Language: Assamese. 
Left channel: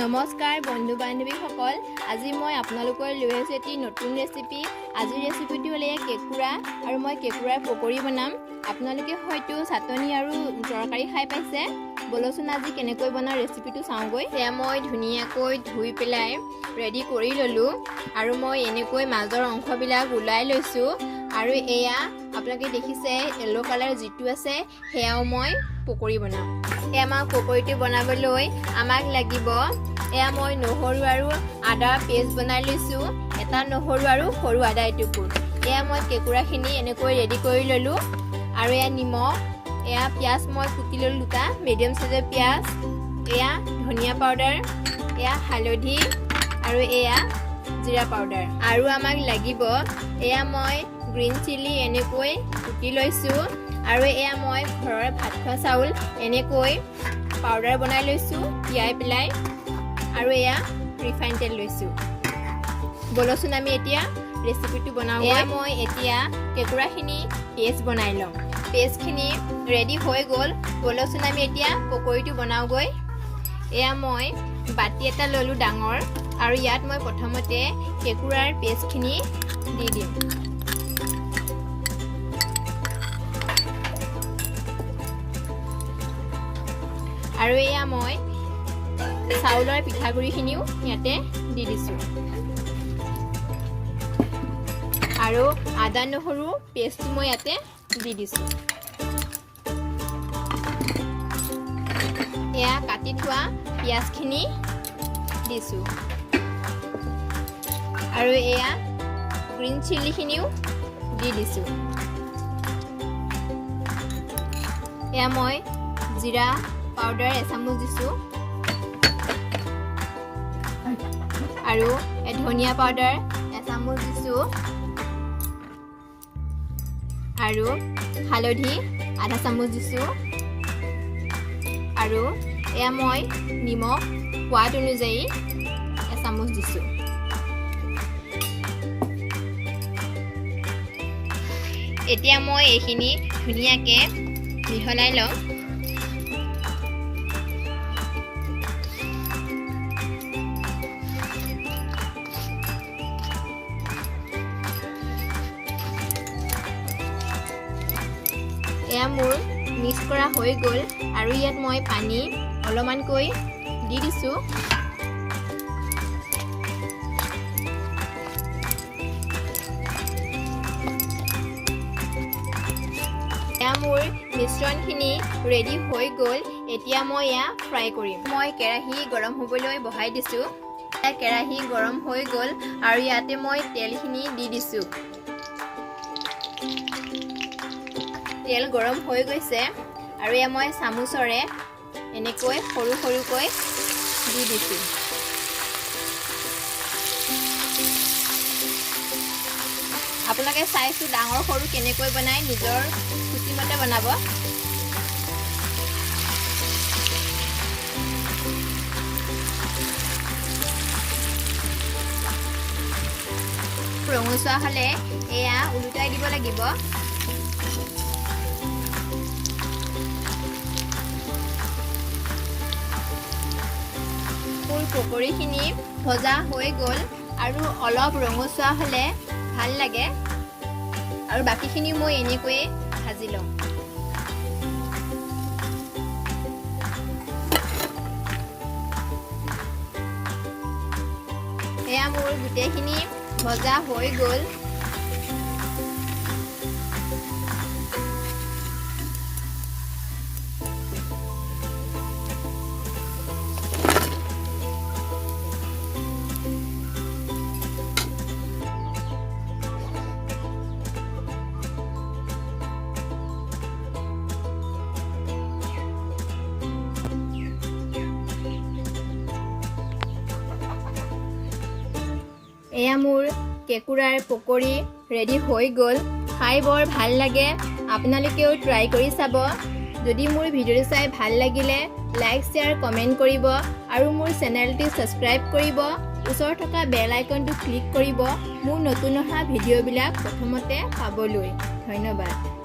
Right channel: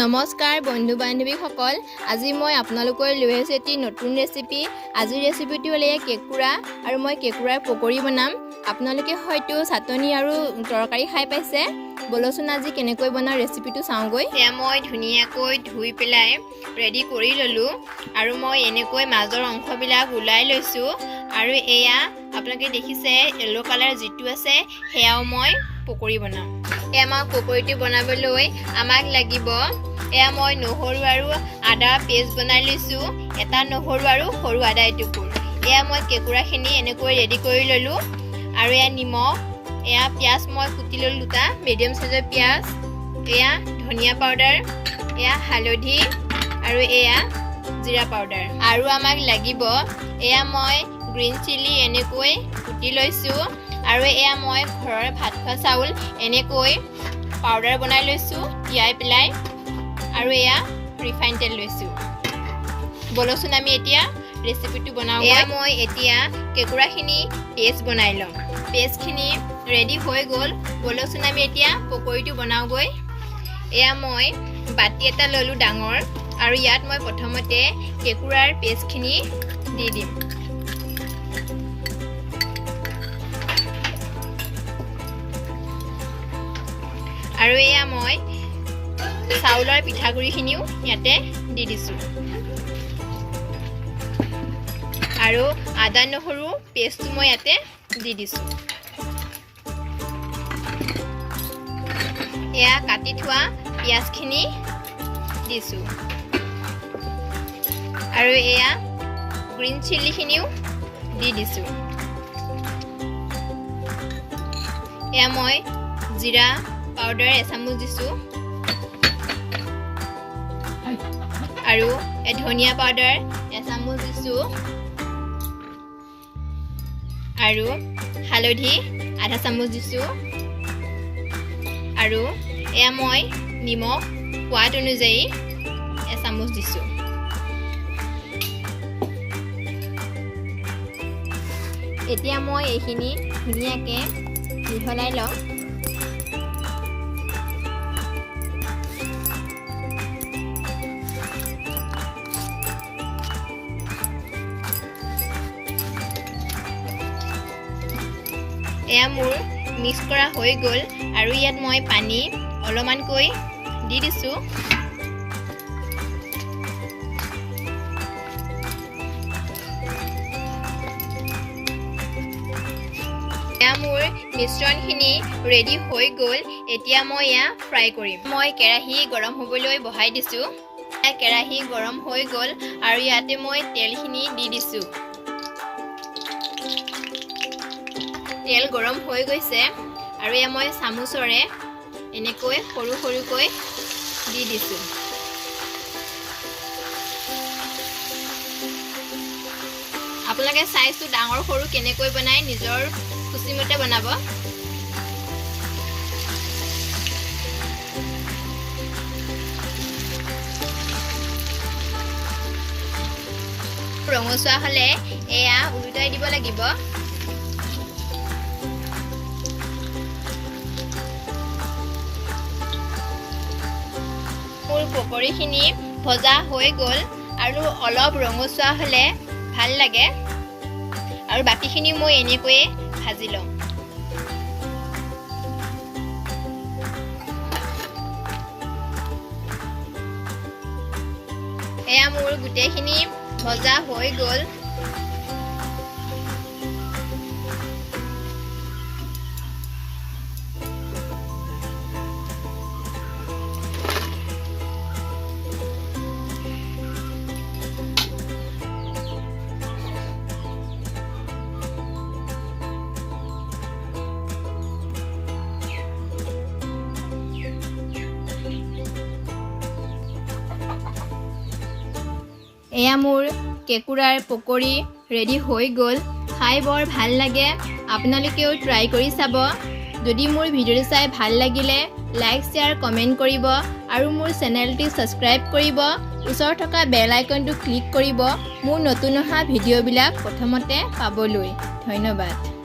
নমস্কাৰ বন্ধু বান্ধৱীসকল, আজি মই আপোনালোকৰ লৈ আহিছোঁ এটি নতুন ৰেচিপি। আজিৰ ৰেচিপিটো হ'ল কেকুৰা আৰু মই কেকুৰাৰ পকৰি বনাম। আপোনালোকে হয়তো চাটনি আৰু তৰকাৰী খাই পাইছে। বলচোন আজি কেনেকৈ বনাওঁ ৰেচিপিটো চাওঁগৈ। এয়া মই ধুনীয়াকৈ ধুই পেলাই ৰেডি কৰি ল'লোঁ আৰু মই এনেকৈ মাজৰ অংশবিলাক ওলাই লৈছোঁ। আৰু এয়া আপোনালোকে দেখিছে য়েল্লো কালাৰ যিটো আছে সেয়াও মই পকৰি বনাম। এয়া মই পকৰিটো বনাবলৈ আমাক লাগিব এয়া মই নহৰু আৰু আদা পেষ্ট বনাই লৈছোঁ, এটা নহৰু আৰু সৰু আদা এটুকুৰ। এয়া মই কেকুৰাখিনি এনেকৈ ৰেডি কৰি ল'লোঁ আৰু এয়া নিমখ, এয়া পিঁয়াজ মই কুটি ল'লোঁ দুটা মিডিয়াম চাইজৰ পিঁয়াজ, এয়া ধনিয়া পাউডাৰ, এয়া হালধি আৰু এয়া জিৰা পাউডাৰ। আৰু আমাক লাগিব এয়া মই গ্ৰীণ চিলি এনেকৈ কুটি লৈছোঁ আৰু এয়া মই ঘৰৰ ভাত খোৱা চাউল এনেকৈ পাউডাৰ বনাই লৈছোঁ তিয়াই পেলাই আৰু এয়া ৰিফাইন তেল লৈছোঁ। বলচোন আমি এতিয়া ৰেচিপিটো বনাওঁ। এয়া মই এতিয়া কেকুৰাখিনি পেষ্ট বনাই লওঁ। পেষ্টখিনি ৰেডি হৈ গ'ল। বলচোন আমি এতিয়া পকৰিটো বনাওঁগৈ। এয়া মই বাতি এটা ল'লোঁ ডাঙৰ আৰু ইয়াত মই প্ৰথমতে কেকুৰাৰ পেষ্টখিনি দি দিম। আৰু এয়া মই চাউলৰ পিঠাগুড়িখিনিও ইয়াতে দি দিছোঁ আৰু আদা নহৰু পেষ্টটো মই ইয়াতে দি দিছোঁ। এয়া কাটি থোৱা পিঁয়াজখিনি দিছোঁ আৰু এয়া গ্ৰীণ চিলিখিনিও দি দিছোঁ। এয়া মই জিৰা পাউডাৰ এচামুচ দিছোঁ আৰু ধনিয়া পাউডাৰ এচামুচ দিছোঁ আৰু হালধি আধা চামুচ দিছোঁ আৰু এয়া মই নিমখ সোৱাদ অনুযায়ী এচামুচ দিছোঁ। এতিয়া মই এইখিনি ধুনীয়াকৈ মিহলাই লওঁ। এয়া মোৰ মিক্স কৰা হৈ গ'ল আৰু ইয়াত মই পানী অলপমানকৈ দি দিছোঁ। এয়া মোৰ মিশ্ৰণখিনি ৰেডি হৈ গ'ল। এতিয়া মই এয়া ফ্ৰাই কৰিম। মই কেৰাহী গৰম হ'বলৈ বহাই দিছোঁ। কেৰাহী গৰম হৈ গ'ল আৰু ইয়াতে মই তেলখিনি দি দিছোঁ। তেল গৰম হৈ গৈছে আৰু এয়া মই চামুচৰে এনেকৈ সৰু সৰুকৈ দি দিছোঁ। আপোনালোকে চাইছোঁ ডাঙৰ সৰু কেনেকৈ বনাই, নিজৰ খুচিমতে বনাব। ৰঙচুৱা হ'লে এয়া উলটাই দিব লাগিব। পকৰিখিনি ভজা হৈ গ'ল আৰু অলপ ৰঙচুৱা হ'লে ভাল লাগে আৰু বাকীখিনি মই এনেকৈয়ে ভাজি লওঁ। এয়া মোৰ গোটেইখিনি ভজা হৈ গ'ল। এয়া মোৰ কেকুৰাৰ পকৰি ৰেডি হৈ গ'ল। খাই বৰ ভাল লাগে, আপোনালোকেও ট্ৰাই কৰি চাব। যদি মোৰ ভিডিঅ'টো চাই ভাল লাগিলে লাইক শ্বেয়াৰ কমেণ্ট কৰিব আৰু মোৰ চেনেলটো ছাবস্ক্ৰাইব কৰিব। ওচৰত থকা বেল আইকনটো ক্লিক কৰিব মোৰ নতুন অহা ভিডিঅ'বিলাক প্ৰথমতে পাবলৈ। ধন্যবাদ।